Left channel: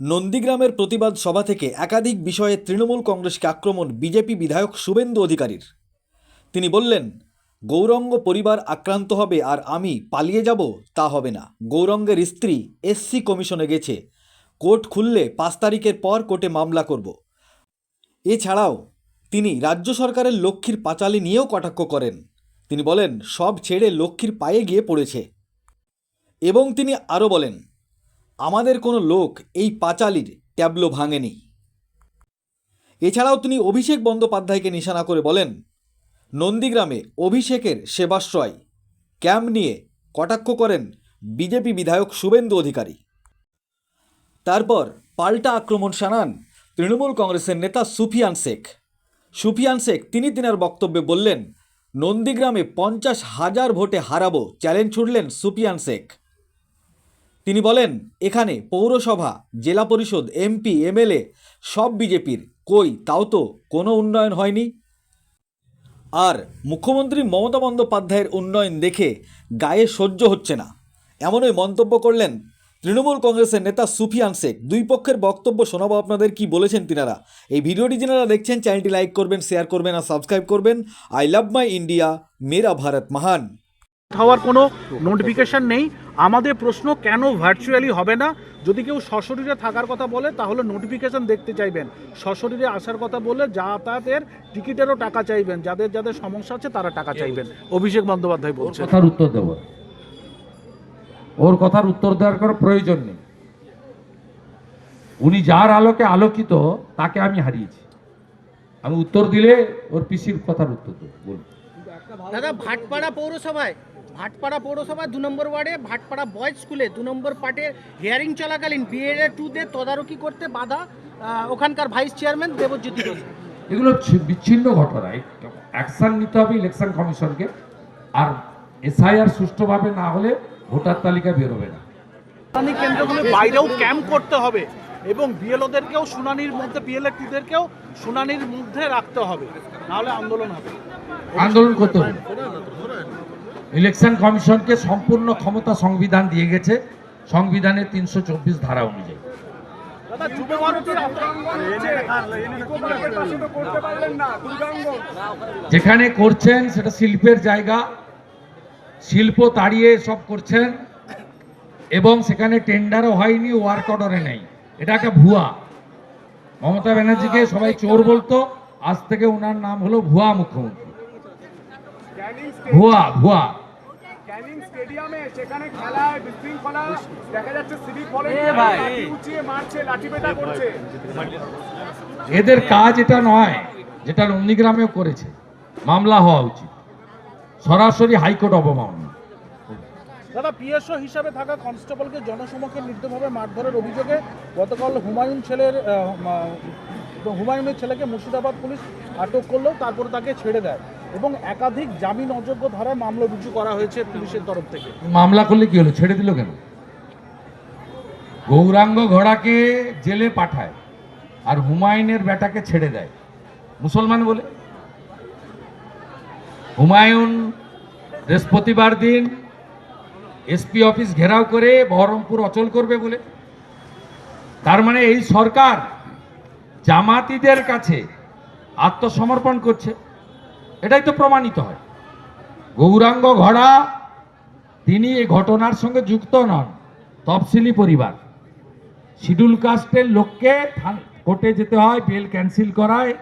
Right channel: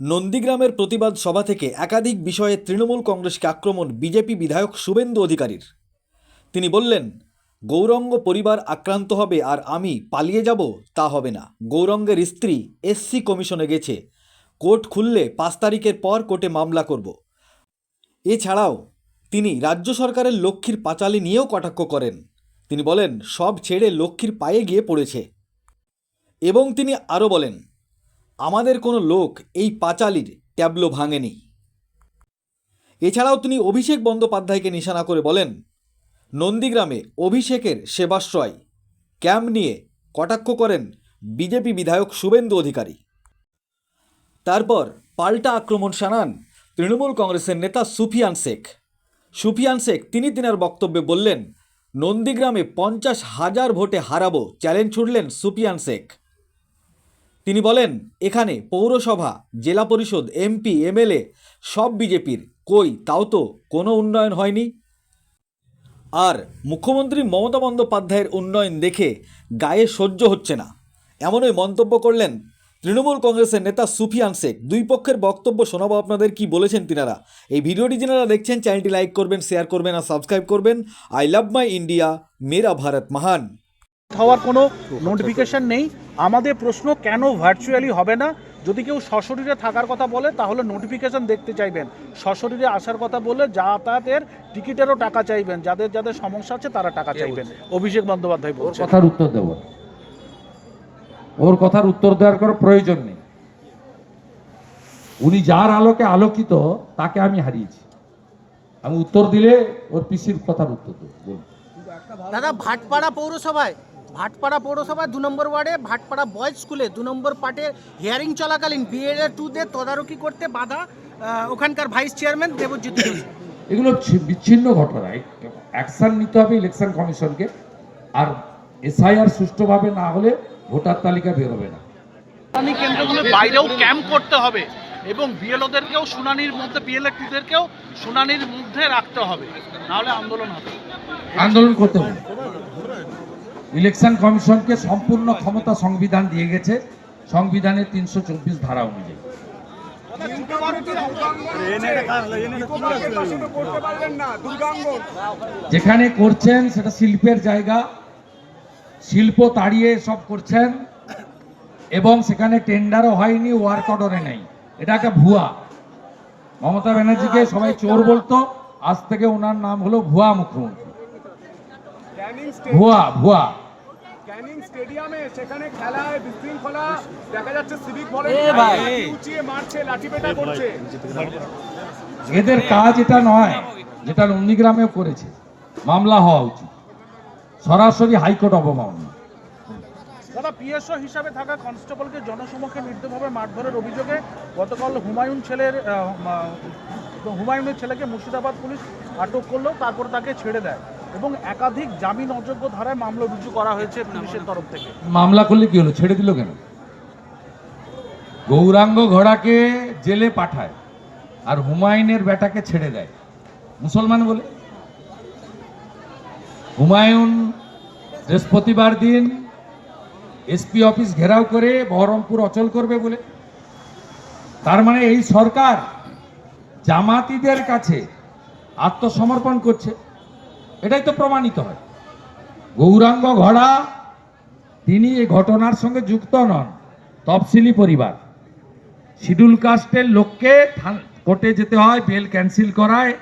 নন্দীগ্রামের প্রতিবাদ সভা থেকে একাধিক বিষয়ে তৃণমূল কংগ্রেসকে আক্রমণ বিজেপি বিধায়ক শুভেন্দু অধিকারীর। তিনি বললেন, গৌরঙ্গ পরিবার আক্রান্ত হবে আর আমি পালিয়ে যাব, তা হবে না। গৌরঙ্গের স্ত্রী এসসি কমিশনে গেছে, কোর্ট খুললে 5 তারিখের পর কোর্টে মামলা করব। এছাড়াও তিনি রাজ্য সরকারের লক্ষ্মীর পাঁচালী নিয়েও কটাক্ষ করেন। তিনি বলেন, সব ছেড়ে লক্ষ্মীর পায়ে গিয়ে পড়েছে। এবং তিনি আরও বলেন, আমাদের কোনো লোক এই পাঁচালীর ট্যাবলো ভাঙেনি। এছাড়াও তিনি অভিষেক বন্দ্যোপাধ্যায়কে নিশানা করে বলেন, নন্দীগ্রামে অভিষেকের সেবাশ্রয় ক্যাম্প নিয়ে কটাক্ষ করেন বিজেপি বিধায়ক শুভেন্দু অধিকারী। তারপর পাল্টা আক্রমণ শানান তৃণমূল কংগ্রেসের নেতা সুফিয়ান শেখ তিনি তিনার বক্তব্যে বললেন, নন্দীগ্রামে 50,000 ভোটে হারাবো চ্যালেঞ্জ ছুড়লেন সুফিয়ান শেখ। তিনি বলেন, এখানে পৌরসভা, জেলা পরিষদ, এমপি, এমএলএ সব বিজেপির, কই তাও তো কোনো উন্নয়ন হয়নি। আর মুখ্যমন্ত্রী মমতা বন্দ্যোপাধ্যায়ের উন্নয়ন দেখে গায়ে সহ্য হচ্ছে না, এমনই মন্তব্য করলেন তৃণমূল কংগ্রেসের নেতা সুফিয়ান শেখ। দুই পক্ষের বক্তব্য শোনাবো আপনাদের, কি বলেছেন তিনারা। এই ভিডিওটি যারা দেখছেন চ্যানেলটি লাইক করবেন, শেয়ার করবেন আর সাবস্ক্রাইব করবেন। আই লাভ মাই ইন্ডিয়া, মেরা ভারত মহান। হওয়ার কোনো নোটিফিকেশন নেই। আমাদের প্রশ্ন, কেন ভার্চুয়ালি হবে না? যদি কেউ সশরীরে থাকার কথা বলে তাহলে নোটিফিকেশন দেখতে চাইবেন, সশরীরে আসার কথা বললে যাতায়াতের টিকিটেরও টাকা চাইবেন, যাদের যাদের সমস্যা আছে তারা টাকা চাইবেন। অভিষেক বন্দ্যোপাধ্যায় বলছেন। কথার উত্তর দেব, ওর কথার উত্তর দেওয়ার কোনো প্রয়োজন নেই। উনি যার আলোকে আলোকিত তাকে আমি হারিয়েছি। আমি উত্তর দিলে ওর পিসির কথার উত্তর দেব। দাদা, ভাটপাড়া পৌরসভায় 2 নম্বর ওয়ার্ডে ভাটপাড়া বয়েজ স্কুলে 2 নম্বর পার্টের হিয়ারিং চলাকালীন BA2-দের তদারকি করতে বাধা ওখানকার ভাইস চেয়ারম্যান দেবজিৎ ঘোষ। এগুলো বিচ্ছিন্ন ঘটনা। অ্যাকশন নিতে হবে ইলেকশন কমিশনকে। আর SIR সুষ্ঠুভাবে না হলে ভোটার তালিকা বেরোবে না। শুনানি কেন্দ্রগুলোর বাইরেও ক্যাম্প করতে হবে এবং বিএলওদেরকেও শুনানির মধ্যে, BLA2-দেরকেও শুনানির মধ্যে রাখতে হবে, নাহলে আন্দোলন হবে। আন্দোলন করতে হবে। ইলেকশন কমিশনকে সম্পূর্ণ ক্ষমতা সংবিধান দিয়ে গেছে, সংবিধানের 324 ধারা অনুযায়ী। যেখানে করছেন সেটা শিল্পের জায়গা, শিল্প তাড়িয়ে সব করছেন এবং সেখানে টেন্ডারও হয়নি, ওয়ার্ক অর্ডারে নেই। এটা একটা ভুয়া। মমতা ব্যানার্জিকে সবাই চোর বলতো, আজ থেকে ওনার নাম হলো ভুয়া মুখ্যমন্ত্রী। ভুয়া ক্যানিং স্টেডিয়ামে সেখানে খেলায় বিশৃঙ্খলা দেখা যাচ্ছে, সিভিক ভলেন্টিয়ার উঁচিয়ে মারছে, লাঠিপেটা করছে। এদের কাজ এটা নয়, যেটা নন্দীগ্রামেও করেছে। মামলা হওয়া উচিত, সরাসরি হাইকোর্ট অবমাননা। দাদা, পিএসও হিসাবে থাকা কনস্টেবলকে জনসমক্ষে নির্দয়ভাবে মারধরের অভিযোগে গতকাল হুমায়ুনের ছেলেকে মুর্শিদাবাদ পুলিশ আটক করলেও তারপরে তাকে ছেড়ে দেয় এবং একাধিক জামিন অযোগ্য ধারায় মামলা রুজু করা হয়েছে পুলিশের তরফ থেকে। মামলা করলে কি হলো, ছেড়ে দিল কেন? গৌরাঙ্গ ঘোড়াকে জেলে পাঠায় আর হুমায়ুনের বেটাকে ছেড়ে দেয় মুসলমান বলে। হুমায়ুন বৃহস্পতিবার দিন এসপি অফিস ঘেরাও করে বহরমপুর অচল করবে বলে। তার মানে এই সরকার জামাতিদের কাছে আত্মসমর্পণ করছে, এটাই তো প্রমাণিত হয়। গৌরাঙ্গ ঘোড়া তিনি এই ঘটনার সঙ্গে যুক্ত নন, তফসিলি পরিবার। শিডিউল কাস্টের লোককে কোর্টে যেতে হয়, বেল ক্যান্সেল করায়।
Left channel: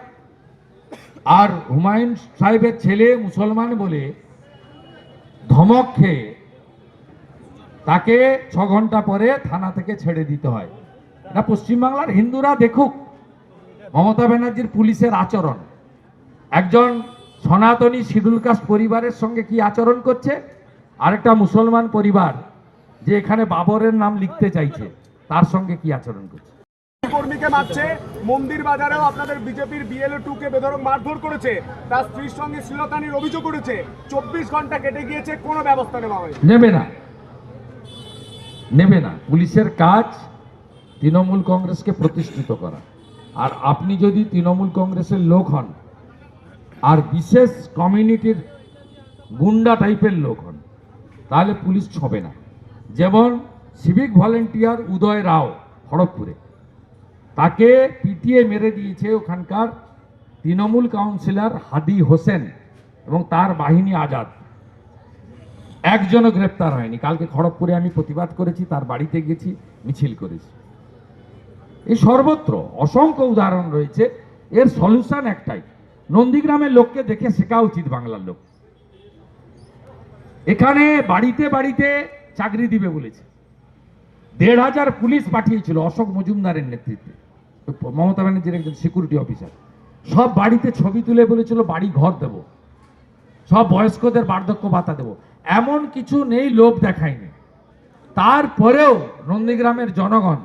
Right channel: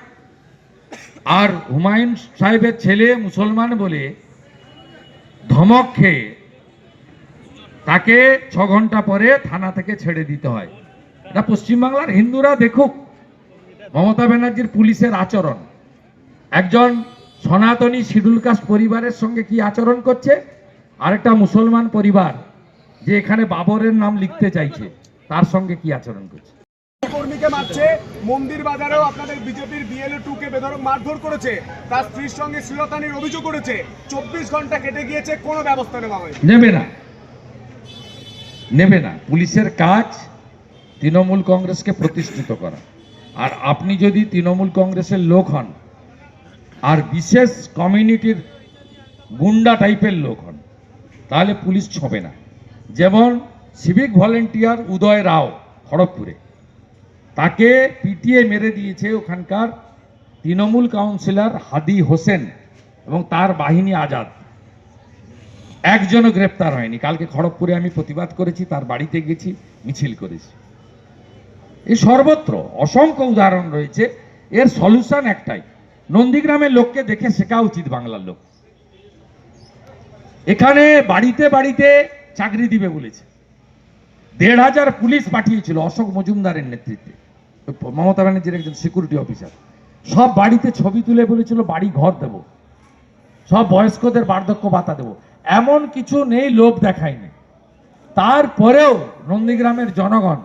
আর হুমায়ুন সাহেবের ছেলে মুসলমান বলে ধমক খেয়ে তাকে 6 ঘন্টা পরে থানা থেকে ছেড়ে দিতে হয়। এটা পশ্চিমবাংলার হিন্দুরা দেখুক মমতা ব্যানার্জির পুলিশের আচরণ। একজন সনাতনী শিডিউল কাস্ট পরিবারের সঙ্গে কি আচরণ করছে, আরেকটা মুসলমান পরিবার যে এখানে বাবরের নাম লিখতে চাইছে তার সঙ্গে কি আচরণ করছে। কর্মীকে মারছে, মন্দির বাজারেও আপনাদের বিজেপির BLA2-কে বেধড়ক মারধর করেছে, তার স্ত্রীর সঙ্গে শ্লীলতাহানির অভিযোগ করেছে। 24 ঘন্টা কেটে গিয়েছে, কোনো ব্যবস্থা নেওয়া হয়নি। নেবে না। পুলিশের কাজ তৃণমূল কংগ্রেসকে প্রতিষ্ঠিত করা। আর আপনি যদি তৃণমূল কংগ্রেসের লোক হন আর বিশেষ কমিউনিটির গুন্ডা টাইপের লোক হন, তাহলে পুলিশ ছবে না। যেমন সিভিক ভলেন্টিয়ার উদয় রাও খড়গপুরে, তাকে পিটিয়ে মেরে দিয়েছে ওখানকার তৃণমূল কাউন্সিলর হাদি হোসেন এবং তার বাহিনী আজাদ। একজনও গ্রেপ্তার হয়নি। কালকে খড়গপুরে আমি প্রতিবাদ করেছি, তার বাড়িতে গেছি, মিছিল করেছি। এই সর্বত্র অসংখ্য উদাহরণ রয়েছে। এর সলিউশন একটাই, নন্দীগ্রামের লোককে দেখে শেখা উচিত বাংলার লোক। এখানে বাড়িতে বাড়িতে চাকরি দিবে বলেছে, ১,৫০০ পুলিশ পাঠিয়েছিল অশোক মজুমদারের নেতৃত্বে, মমতা ব্যানার্জির একজন সিকিউরিটি অফিসার। সব বাড়িতে ছবি তুলে বলেছিল বাড়ি ঘর দেব, সব বয়স্কদের বার্ধক্য ভাতা দেব। এমন কিছু নেই, লোভ দেখায়নি। তারপরেও নন্দীগ্রামের জনগণ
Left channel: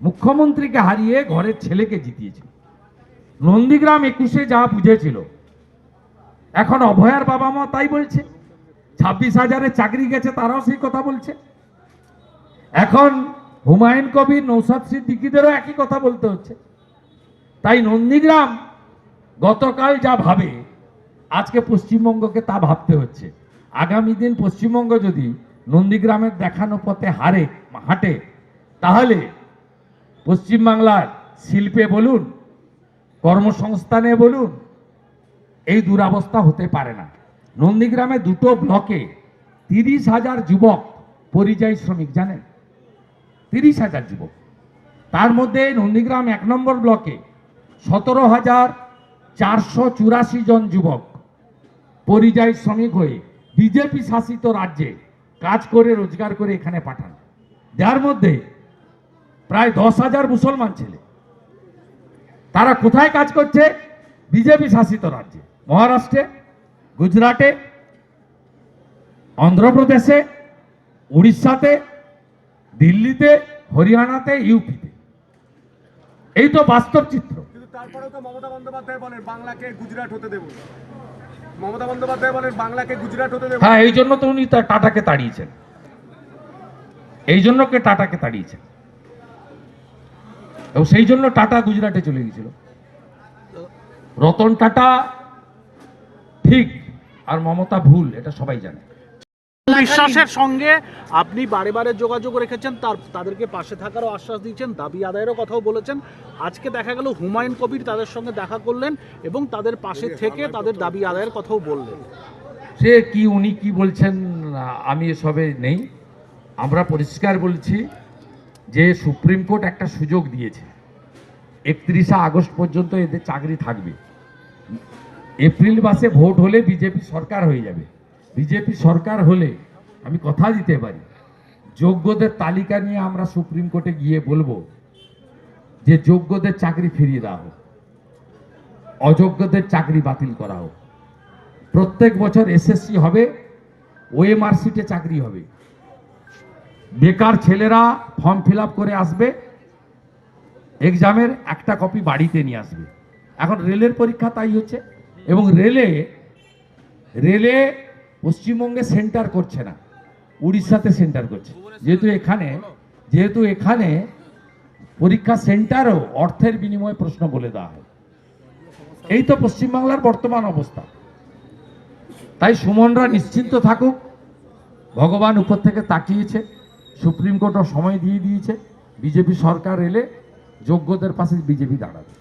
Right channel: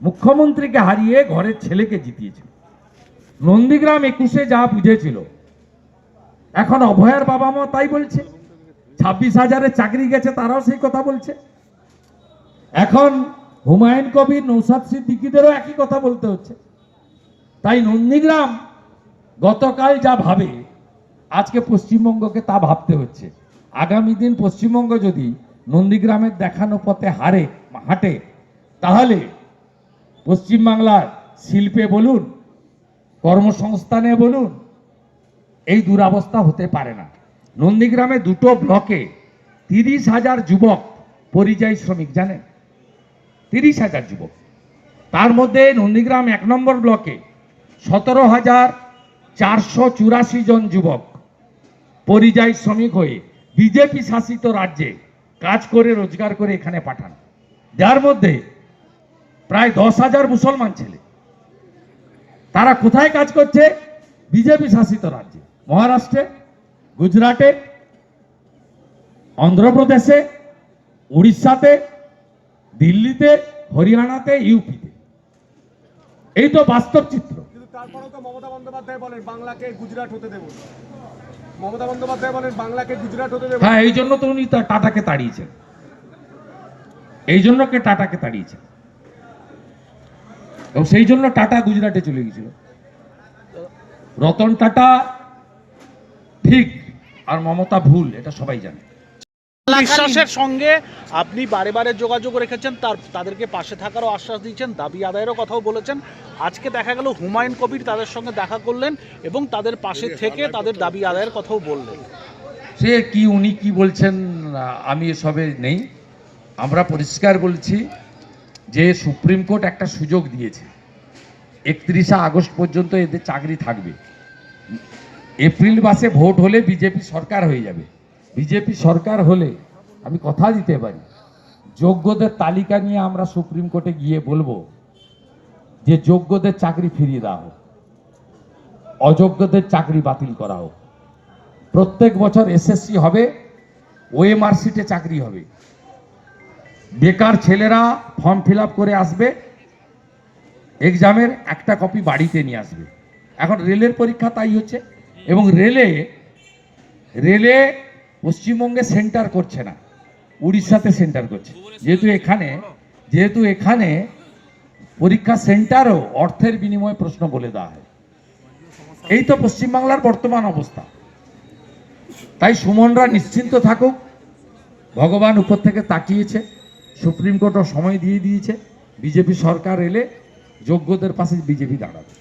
মুখ্যমন্ত্রীকে হারিয়ে ঘরের ছেলেকে জিতিয়েছে। নন্দীগ্রাম 21-এ যা বুঝেছিল, এখন অভয়ার বাবা মা তাই বলছে। 26,000-এর চাকরি গেছে, তারাও সেই কথা বলছে। এখন হুমায়ুন কবির, নৌসাদ সিদ্দিকীদেরও একই কথা বলতে হচ্ছে। তাই নন্দীগ্রাম গতকাল যা ভাবে, আজকে পশ্চিমবঙ্গকে তা ভাবতে হচ্ছে। আগামী দিন পশ্চিমবঙ্গ যদি নন্দীগ্রামের দেখানো পথে হাঁটে, তাহলে পশ্চিমবাংলার শিল্পে বলুন, কর্মসংস্থানে বলুন, এই দুরবস্থা হতে পারে না। নন্দীগ্রামে 2টো ব্লকে 30,000 যুবক পরিযায়ী শ্রমিক, জানেন? 30,000 যুবক। তার মধ্যে নন্দীগ্রাম 1 নম্বর ব্লকে 17,484 জন যুবক পরিযায়ী শ্রমিক হয়ে বিজেপি শাসিত রাজ্যে কাজ করে রোজগার করে এখানে পাঠান। যার মধ্যে প্রায় 10,000 মুসলমান ছেলে। তারা কোথায় কাজ করছে? বিজেপি শাসিত রাজ্যে, মহারাষ্ট্রে, গুজরাটে, অন্ধ্রপ্রদেশে, উড়িষ্যাতে, দিল্লিতে, হরিয়ানাতে, ইউপিতে। এই তো বাস্তব চিত্র। কিন্তু তারপরেও তো মমতা বন্দ্যোপাধ্যায় বলেন বাংলাকে গুজরাট হতে দেব। মমতা বন্দ্যোপাধ্যায় বলেন বাংলাকে গুজরাট হতে দেব। হ্যাঁ, এই জন্য তো উনি টাটাকে তাড়িয়েছেন, এই জন্য টাটাকে তাড়িয়েছেন, এবং সেই জন্য টাটা গুজরাটে চলে গেছিল। রতন টাটা ঠিক আর মমতা ভুল, এটা সবাই জানে। বিশ্বাসের সঙ্গে আপনি বারে বারে যোগাযোগ রেখেছেন, তাদেরকে পাশে থাকারও আশ্বাস দিয়েছেন, দাবি আদায়েরও কথাও বলেছেন। আজকে দেখা গেল হুমায়ুন কবির তাদের সঙ্গে দেখা করলেন এবং তাদের পাশে থেকে তাদের দাবি আদায়ের কথাও বললেন। সে কি, উনি কি বলছেন আমি এসবে নেই। আমরা পরিষ্কার বলছি যে সুপ্রিম কোর্ট একটা সুযোগ দিয়েছে, 31শে আগস্ট পর্যন্ত এদের চাকরি থাকবে। এপ্রিল মাসে ভোট হলে বিজেপি সরকার হয়ে যাবে। বিজেপি সরকার হলে আমি কথা দিতে পারি, যোগ্যদের তালিকা নিয়ে আমরা সুপ্রিম কোর্টে গিয়ে বলবো যে যোগ্যদের চাকরি ফিরিয়ে দেওয়া হোক, অযোগ্যদের চাকরি বাতিল করা হোক। প্রত্যেক বছর এসএসসি হবে, ওএমআর সিটে চাকরি হবে। বেকার ছেলেরা ফর্ম ফিল আপ করে আসবে, এক্সামের একটা কপি বাড়িতে নিয়ে আসবে। এখন রেলের পরীক্ষা তাই হচ্ছে, এবং রেলে পশ্চিমবঙ্গে সেন্টার করছে না, উড়িষ্যাতে সেন্টার করছে। যেহেতু এখানে পরীক্ষা সেন্টারও অর্থের বিনিময়ে প্রশ্ন বলে দেওয়া হয়। এই তো পশ্চিমবাংলার বর্তমান অবস্থা। তাই সুমনরা নিশ্চিন্ত থাকুক, ভগবান উপর থেকে তাকিয়েছে, সুপ্রিম কোর্টও সময় দিয়ে দিয়েছে। বিজেপি সরকার এলে যোগ্যদের পাশে বিজেপি দাঁড়াবে।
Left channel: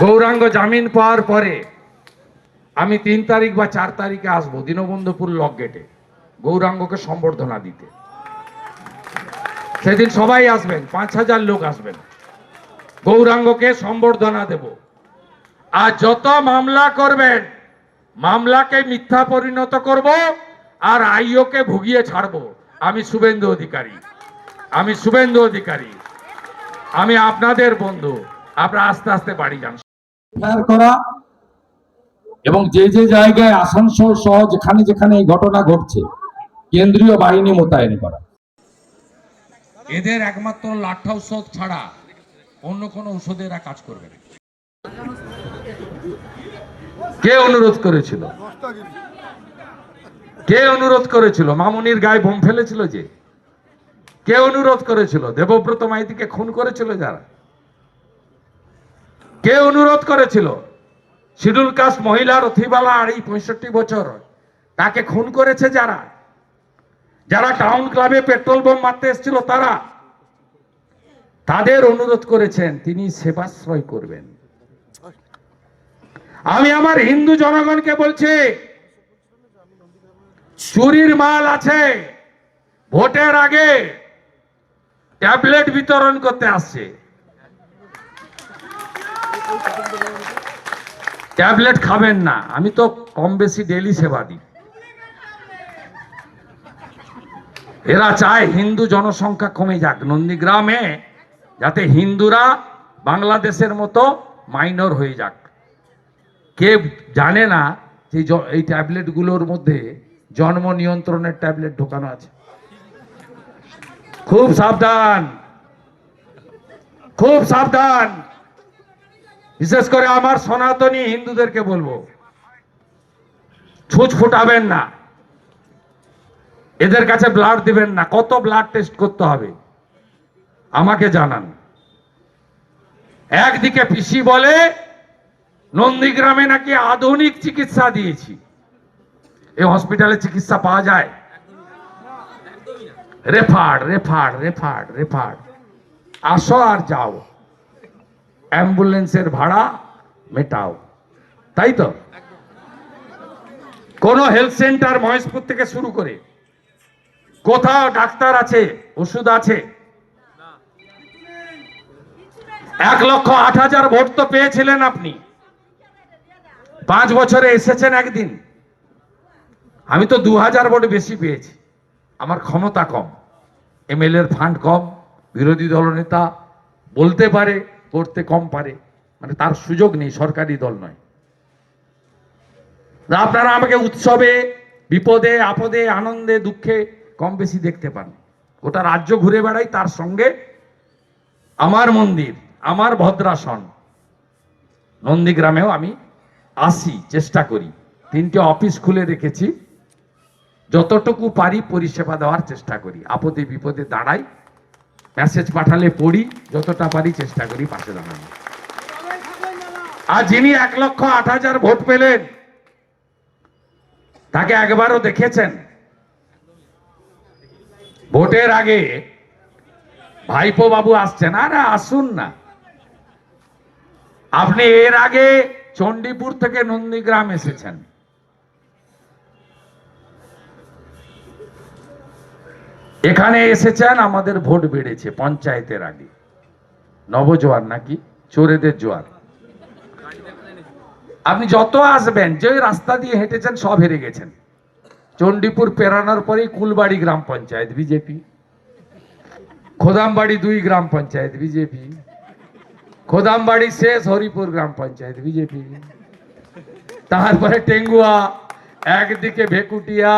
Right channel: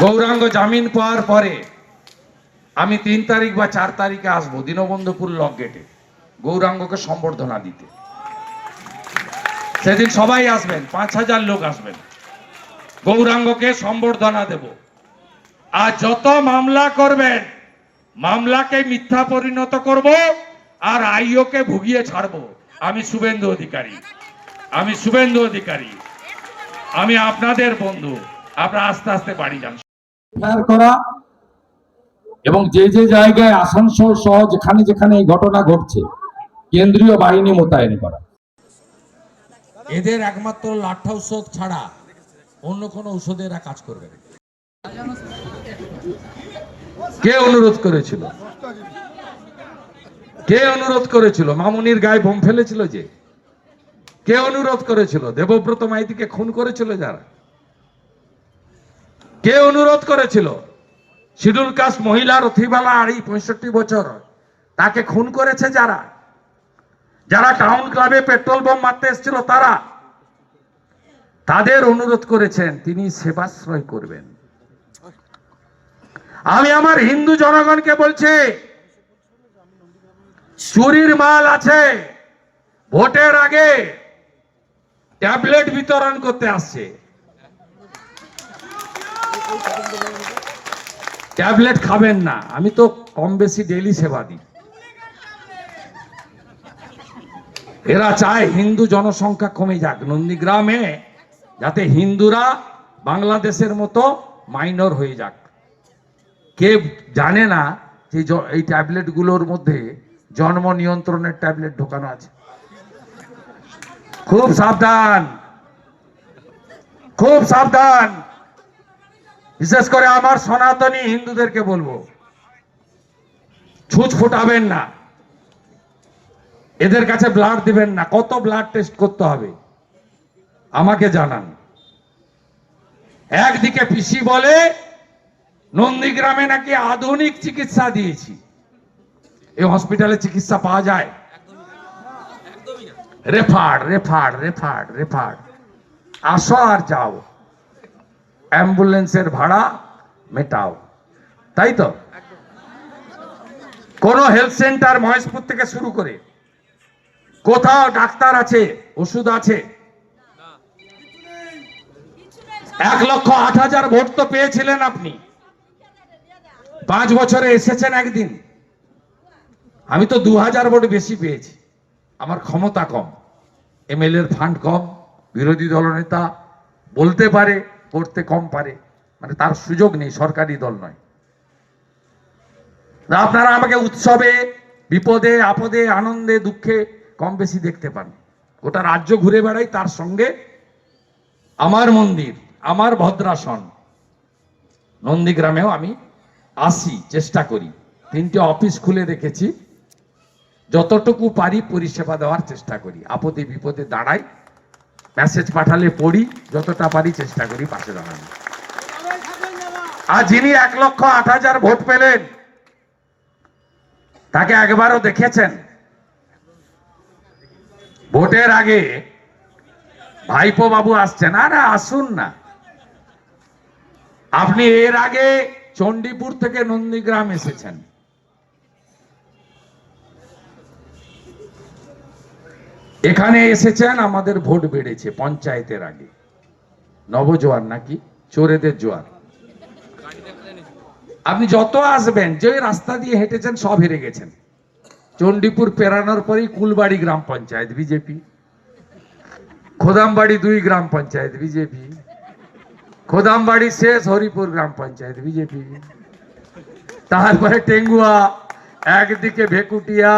গৌরাঙ্গ জামিন পাওয়ার পরে আমি 3 তারিখ বা 4 তারিখে আসবো দীনবন্ধুপুর লক গেটে গৌরাঙ্গকে সম্বর্ধনা দিতে। সেদিন সবাই আসবেন, 5,000 লোক আসবেন, গৌরাঙ্গকে সম্বর্ধনা দেব। আর যত মামলা করবেন, মামলাকে মিথ্যা পরিণত করব, আর আইওকে ভুগিয়ে ছাড়বো। আমি শুভেন্দু অধিকারী, আমি আপনাদের বন্ধু। আপনারা আস্তে আস্তে বাড়ি যান। করা এবং যে যে জায়গায় আসানসোল সহ যেখানে যেখানে এই ঘটনা ঘটছে, কেন্দ্রীয় বাহিনী মোতায়েন করা। এদের একমাত্র লাঠা ঔষধ ছাড়া অন্য কোনো ঔষধে এরা কাজ করবে না। কে অনুরোধ করেছিল? মামুনির গায়ে বোম ফেলেছিল যে? কে অনুরোধ করেছিল? দেবব্রত মাইতিকে খুন করেছিল যারা? কে অনুরোধ করেছিল? শিডিউল কাস্ট মহিলা রথিবালা, আর এই 65 বছর, তাকে খুন করেছে যারা টাউন ক্লাবে পেট্রোল বোম মারতে এসেছিল তারা। তাদের অনুরোধ করেছেন তিনি সেবাশ্রয় করবেন। আমি আমার হিন্দু জনগণকে বলছি, চুরির মাল আছে, ভোটের আগে ট্যাবলেট বিতরণ করতে আসছে, ট্যাবলেট খাবেন না। আমি তো কম বেশি ডেলি সেবা দিই। এরা চায় হিন্দু জনসংখ্যা কমে যাক নন্দীগ্রামে, যাতে হিন্দুরা বাংলাদেশের মতো মাইনর হয়ে যাক। কে জানে না যে এই ট্যাবলেটগুলোর মধ্যে জন্ম নিয়ন্ত্রণের ট্যাবলেট ঢোকানো আছে। খুব সাবধান, খুব সাবধান। বিশেষ করে আমার সনাতনী হিন্দুদেরকে বলবো, ছুঁচ ফুটাবেন না, এদের কাছে ব্লাড দিবেন না। কত ব্লাড টেস্ট করতে হবে আমাকে জানান। একদিকে পিসি বলে নন্দীগ্রামে নাকি আধুনিক চিকিৎসা দিয়েছি। এই হসপিটালে চিকিৎসা পাওয়া যায়? Referred referred referred referred. আসো আর যাও, অ্যাম্বুলেন্সের ভাড়া মেটাও, তাই তো? কোন হেলথ সেন্টার মহেশপুর থেকে শুরু করে কোথাও ডাক্তার আছে, ওষুধ আছে? 1,08,000 ভোট তো পেয়েছিলেন আপনি, 5 বছরে এসেছেন একদিন। আমি তো 2,000 ভোট বেশি পেয়েছি। আমার ক্ষমতা কম, এমএলএ এর ফান্ড কম, বিরোধী দলনেতা বলতে পারে, করতে কম পারে, মানে তার সুযোগ নেই, সরকারি দল নয়। আপনারা আমাকে উৎসবে, বিপদে আপদে, আনন্দে দুঃখে কম বেশি দেখতে পান। গোটা রাজ্য ঘুরে বেড়াই, তার সঙ্গে আমার মন্দির, আমার ভদ্রাসন নন্দীগ্রামেও আমি আসি, চেষ্টা করি। 3টে অফিস খুলে রেখেছি, যতটুকু পারি পরিষেবা দেওয়ার চেষ্টা করি। আপদে বিপদে দাঁড়াই, মেসেজ পাঠালে পড়ি, যতটা পারি চেষ্টা করি পাশে দাঁড়ানো। আর যিনি 1,08,000 ভোট পেলেন, তাকে একবারও দেখেছেন? ভোটের আগে ভাইপো বাবু আসছেন, আরে আসুন না। আপনি এর আগে চণ্ডীপুর থেকে নন্দীগ্রাম এসেছেন, এখানে এসেছেন, আমাদের ভোট বেড়েছে পঞ্চায়েতের আগে। নবজোয়ার নাকি চোরেদের জোয়ার। আপনি যত আসবেন, যে রাস্তা দিয়ে হেঁটেছেন সব হেরে গেছেন। চণ্ডীপুর পেরানোর পরেই কুলবাড়ি গ্রাম পঞ্চায়েত বিজেপি, খোদামবাড়ি 2 গ্রাম পঞ্চায়েত বিজেপি, খোদামবাড়ি শেষ হরিপুর গ্রাম পঞ্চায়েত বিজেপি, তারপরে টেঙ্গুয়া, একদিকে ভেকুটিয়া,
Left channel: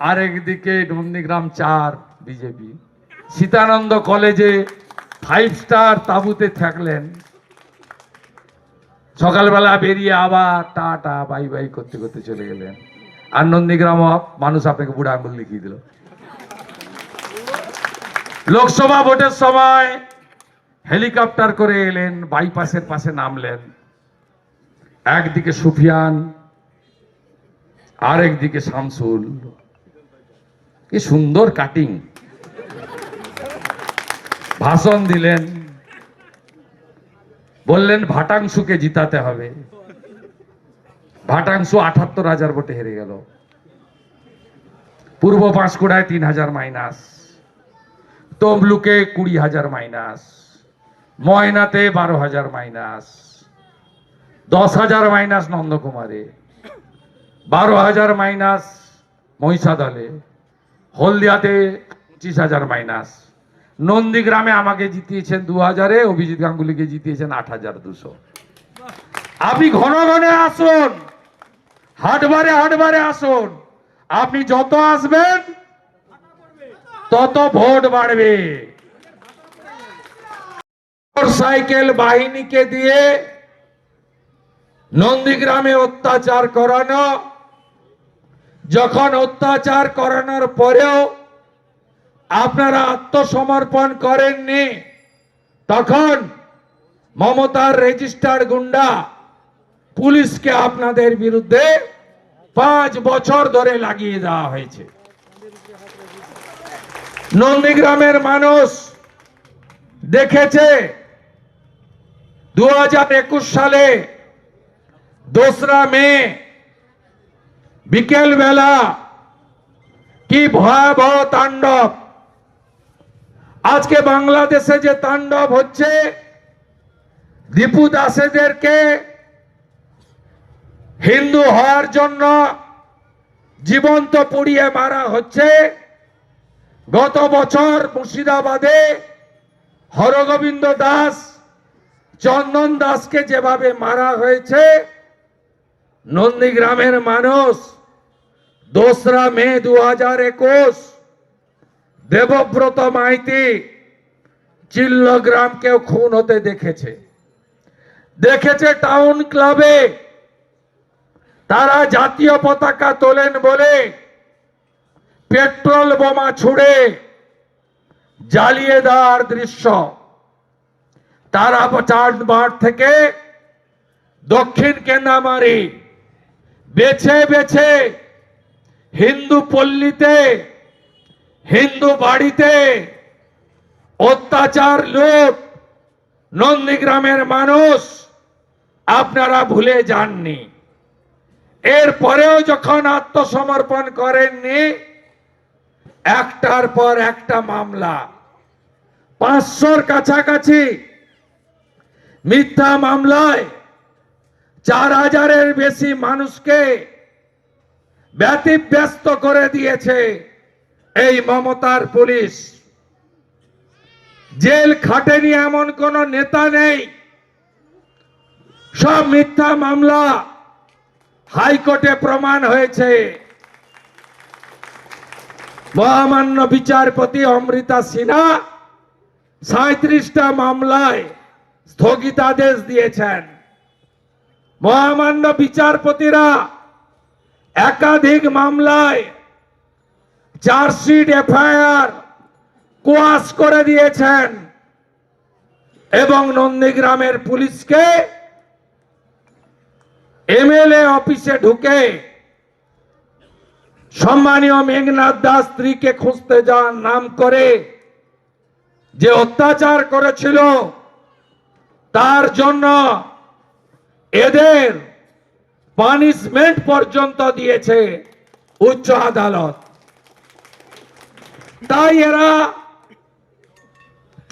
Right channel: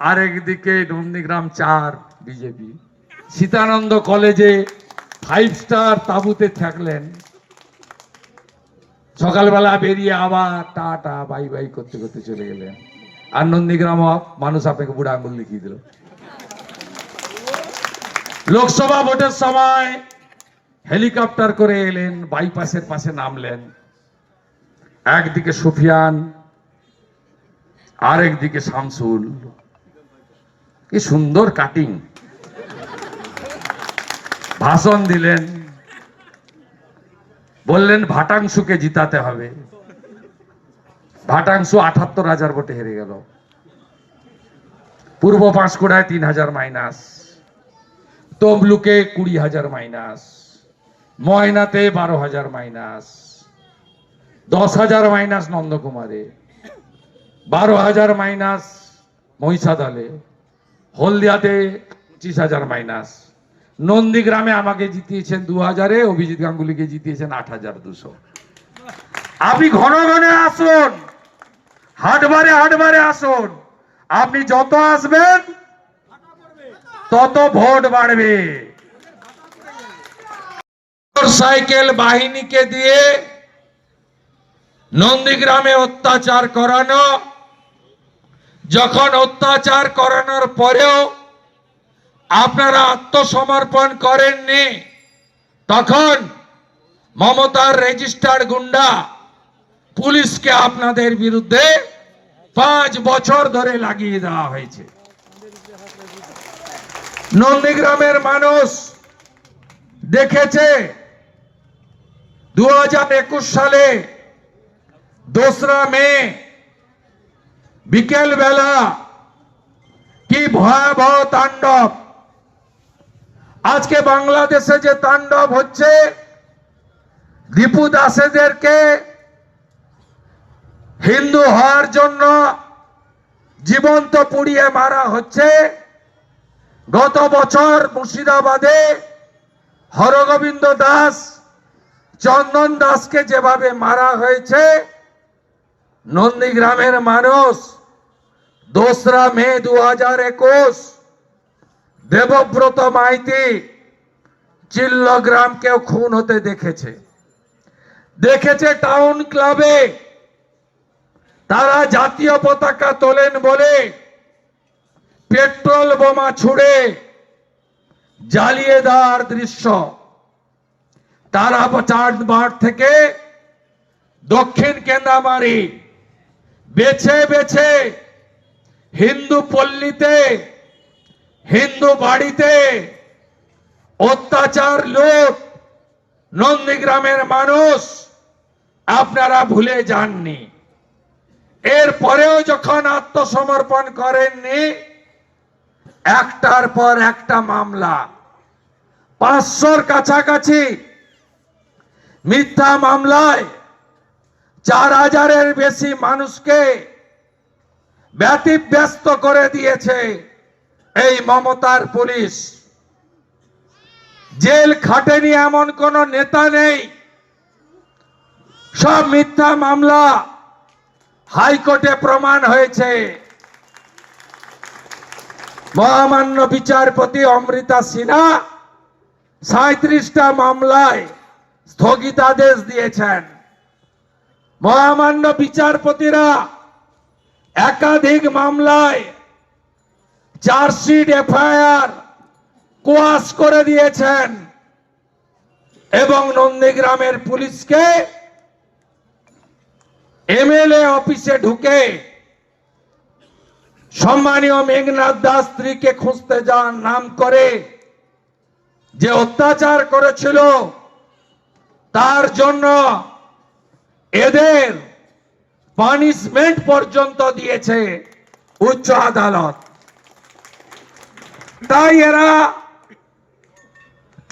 আর একদিকে নন্দীগ্রাম 4 বিজেপি। সীতানন্দ কলেজে 5 স্টার তাঁবুতে থাকলেন, সকালবেলা বেরিয়ে আবার টাটা বাই বাই করতে করতে চলে গেলেন। আর নন্দীগ্রাম মানুষ আপনাকে বুড়া আঙুল লিখিয়ে দিল। লোকসভা ভোটের সময় হেলিকপ্টার করে এলেন, বাইপাসের পাশে নামলেন। একদিকে সুফিয়ান, আর একদিকে শামসুল। কি সুন্দর কাটিং, ভাষণ দিলেন, বললেন ভাটাংশুকে জিতাতে হবে। ভাটাংশু 78,000 ভোটে হেরে গেল। পূর্ব পাঁশকুড়ায় 3,000 মাইনাস, তমলুকে 20,000 মাইনাস, ময়নাতে 12,000 মাইনাস, 10,000 মাইনাস নন্দকুমারে, 12,000 মাইনাস মহিষাদলে, হলদিয়াতে 25,000 মাইনাস। নন্দীগ্রামে আমাকে জিতিয়েছেন 2,000-এ, অভিজিৎ গাঙ্গুলিকে জিতিয়েছেন 8,200। আপনি ঘন ঘন আসুন, হাটবারে হাটবারে আসুন। আপনি যত আসবেন তত ভোট বাড়বে। সাইকেল বাহিনীকে দিয়ে নন্দীগ্রামে অত্যাচার করানো, যখন অত্যাচার করানোর পরেও আপনারা আত্মসমর্পণ করেননি, তখন মমতার রেজিস্টার্ড গুন্ডা পুলিশকে আপনাদের বিরুদ্ধে 5 বছর ধরে লাগিয়ে দেওয়া হয়েছে। নন্দীগ্রামের মানুষ দেখেছে 2021 সালে 2রা মে বিকেল বেলা কি ভয়াবহ তাণ্ডব। আজকে বাংলাদেশে যে তাণ্ডব হচ্ছে, দীপু দাসেদেরকে হিন্দু হওয়ার জন্য জীবন্ত পুড়িয়ে মারা হচ্ছে। গত বছর মুর্শিদাবাদে হরগোবিন্দ দাস, চন্দন দাসকে যেভাবে মারা হয়েছে, নন্দীগ্রামের মানুষ 2রা মে 2021 দেবব্রত মাইতি চিল্লগ্রামকেও খুন হতে দেখেছে। দেখেছে টাউন ক্লাবে তারা জাতীয় পতাকা তোলেন বলে পেট্রোল বোমা ছুড়ে জ্বালিয়ে দেওয়ার দৃশ্য। তারা চাটবাট থেকে দক্ষিণ কেন্দ্রামারি বেছে বেছে হিন্দু পল্লীতে, হিন্দু বাড়িতে অত্যাচার, লুট নন্দীগ্রামের মানুষ আপনারা ভুলে যাননি। এরপরেও যখন আত্মসমর্পণ করেননি, একটার পর একটা মামলা, 500-র কাছাকাছি মিথ্যা মামলায় 4000-এর বেশি মানুষকে ব্যতিব্যস্ত করে দিয়েছে এই মমতার পুলিশ। জেল খাটেনি এমন কোন নেতা নেই। সব মিথ্যা মামলা হাইকোর্টে প্রমাণ হয়েছে। মহামান্য বিচারপতি অমৃতা সিনহা 37টা মামলায় স্থগিতাদেশ দিয়েছেন। মহামান্য বিচারপতিরা একাধিক মামলায় চার্জশিট, এফআইআর কোয়াশ করে দিয়েছেন এবং নন্দীগ্রামের পুলিশকে এমএলএ অফিসে ঢুকে সম্মানীয় মেঘনাথ দাস স্ত্রীকে খুঁজতে যাওয়ার নাম করে যে অত্যাচার করেছিল, তার জন্য এদের পানিশমেন্ট পর্যন্ত দিয়েছে উচ্চ আদালত। তাই এরা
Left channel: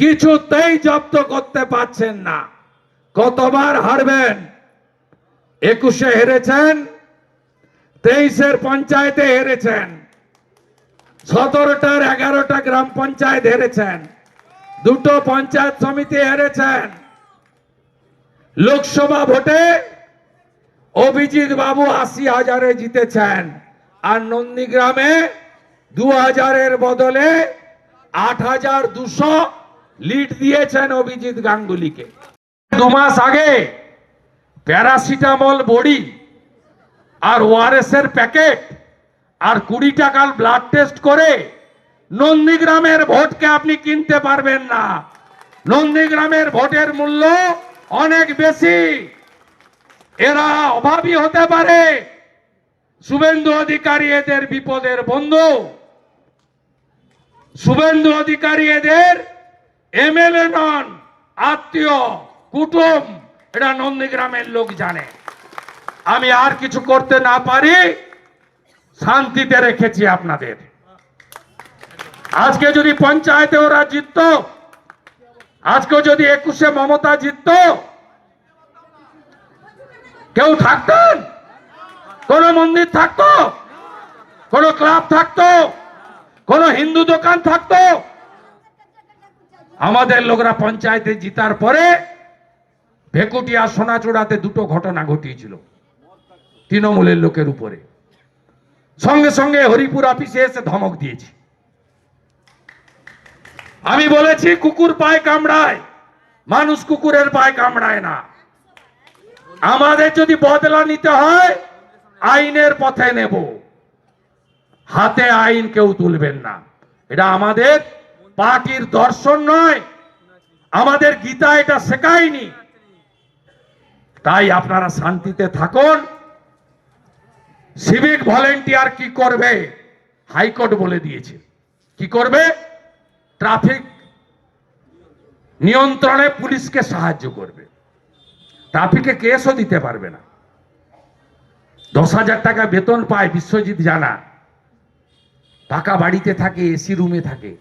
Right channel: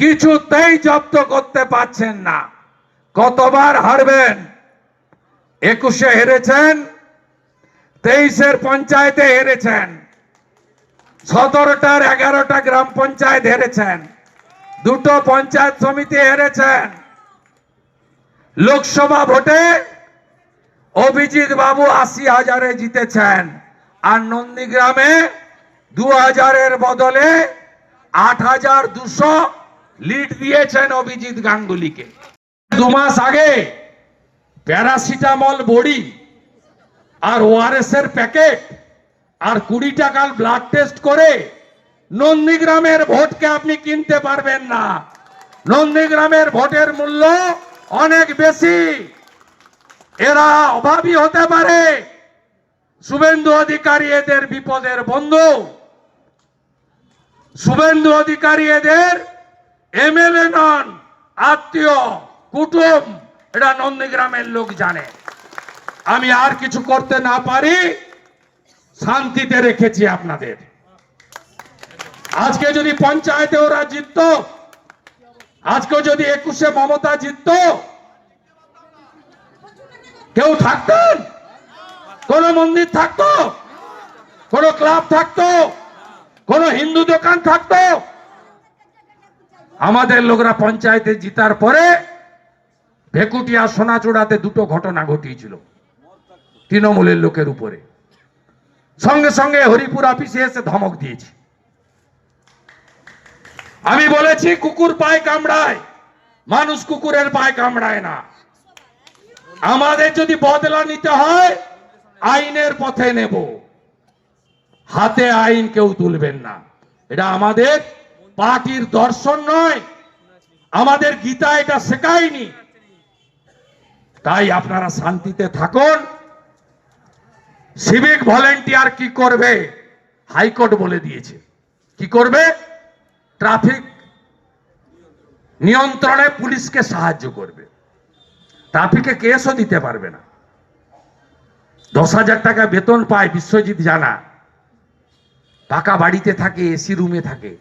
কিছুতেই জব্দ করতে পারছেন না। কতবার হারবেন? 21-এ হেরেছেন, 23-এর পঞ্চায়েতে হেরেছেন, 17টার 11টা গ্রাম পঞ্চায়েত হেরেছেন, 2টো পঞ্চায়েত সমিতি হেরেছেন। লোকসভা ভোটে অভিজিৎ বাবু 80,000-এ জিতেছেন, আর নন্দীগ্রামে 2000-এর বদলে 8200 লিড দিয়েছেন অভিজিৎ গাঙ্গুলিকে। 2 মাস আগে প্যারাসিটামল বড়ি আর ওআরএস এর প্যাকেট আর 20 টাকার ব্লাড টেস্ট করে নন্দীগ্রামের ভোটকে আপনি কিনতে পারবেন না। নন্দীগ্রামের ভোটের মূল্য অনেক বেশি। এরা অভাবী হতে পারে, শুভেন্দু অধিকারী এদের বিপদের বন্ধু। শুভেন্দু অধিকারী এদের এমএলএ নন, আত্মীয় কুটুম। এটা নন্দীগ্রামের লোক জানে। আমি আর কিছু করতে না পারি, শান্তিতে রেখেছি আপনাদের। আজকে যদি পঞ্চায়েতে ওরা জিতত, আজকে যদি 21-এ মমতা জিতত, কেউ থাকতেন? কোন মন্দির থাকতো? কোন ক্লাব থাকতো? কোন হিন্দু দোকান থাকতো? আমাদের লোকরা পঞ্চায়েতে জিতার পরে ভেকুটিয়া সোনাচূড়াতে 2টো ঘটনা ঘটিয়েছিল তৃণমূলের লোকের উপরে। সঙ্গে সঙ্গে হরিপুর অফিসে এসে ধমক দিয়েছি। আমি বলেছি কুকুর পায়ে কামড়ায়, মানুষ কুকুরের পায়ে কামড়ায় না। আমাদের যদি বদলা নিতে হয়, আইনের পথে নেব, হাতে আইন কেউ তুলবেন না। এটা আমাদের পার্টির দর্শন নয়, আমাদের গীতা এটা শেখায়নি। তাই আপনারা শান্তিতে থাকুন। সিভিক ভলেন্টিয়ার কি করবে হাইকোর্ট বলে দিয়েছে। কি করবে? ট্রাফিক নিয়ন্ত্রণে পুলিশকে সাহায্য করবে, ট্রাফিকে কেসও দিতে পারবে না। 10,000 টাকা বেতন পায় বিশ্বজিৎ জানা, পাকা বাড়িতে থাকে, এসি রুমে থাকে।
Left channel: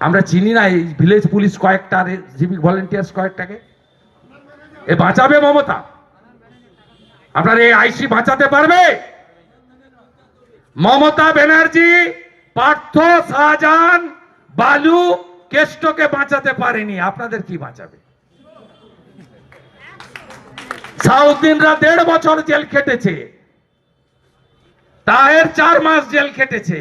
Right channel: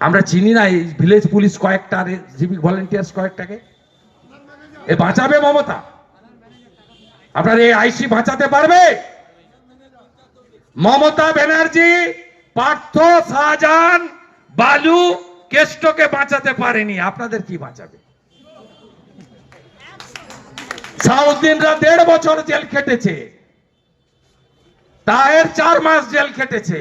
আমরা চিনি না এই ভিলেজ পুলিশ কয়েকটা, সিভিক ভলেন্টিয়ার্স কয়েকটাকে। এ বাঁচাবে মমতা? আপনার এই আইসি বাঁচাতে পারবে? মমতা ব্যানার্জি পার্থ, শাহজাহান, বালু, কেষ্টকে বাঁচাতে পারেনি, আপনাদের কি বাঁচাবে? সাউদ্দিনরা 1.5 বছর জেল খেটেছে, তাহের 4 মাস জেল খেটেছে।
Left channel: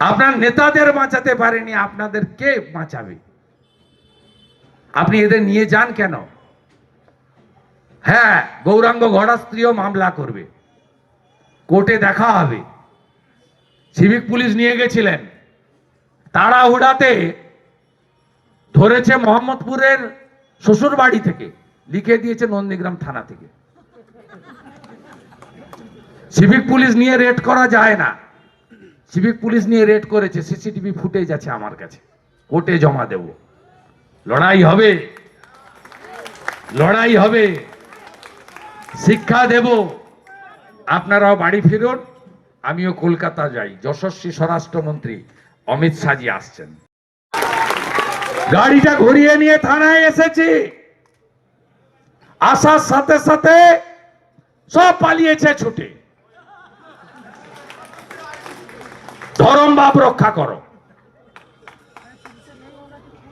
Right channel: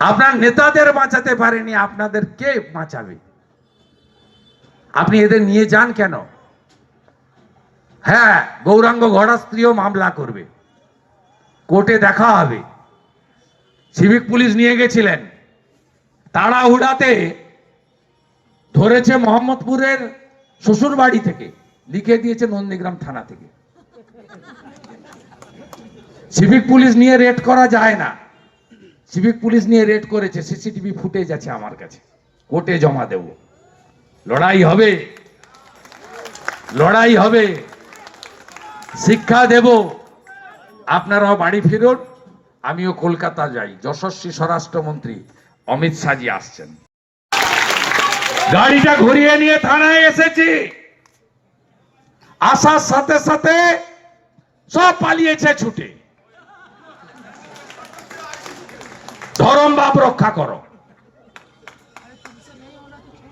আপনার নেতাদের বাঁচাতে পারেনি, আপনাদের কে বাঁচাবে? আপনি এদের নিয়ে যান কেন? হ্যাঁ, গৌরাঙ্গ ঘোড়া স্ত্রীও মামলা করবে, কোর্টে দেখা হবে। সিভিক পুলিশ নিয়ে গেছিলেন, তাড়াহুড়াতে ধরেছে মোহাম্মদপুরের শ্বশুর বাড়ি থেকে, লিখে দিয়েছে নন্দীগ্রাম থানা থেকে। সিভিক পুলিশ নিয়ে রেড করা যায় না, সিভিক পুলিশ নিয়ে রেড করেছে, সিসিটিভি ফুটেজ আছে আমার কাছে, কোর্টে জমা দেব। লড়াই হবে, লড়াই হবে, শিক্ষা দেব। আপনারাও বাড়ি ফিরুন, আমিও কলকাতা যাই। যশস্বী স্বরাষ্ট্রমন্ত্রী অমিত শাহজি আসছেন। গাড়িটা ঘুরিয়ে নিয়ে থানায় এসেছি, আসার সাথে সাথে সব পালিয়েছে ছুটে। ধরম বাপ রক্ষা করো।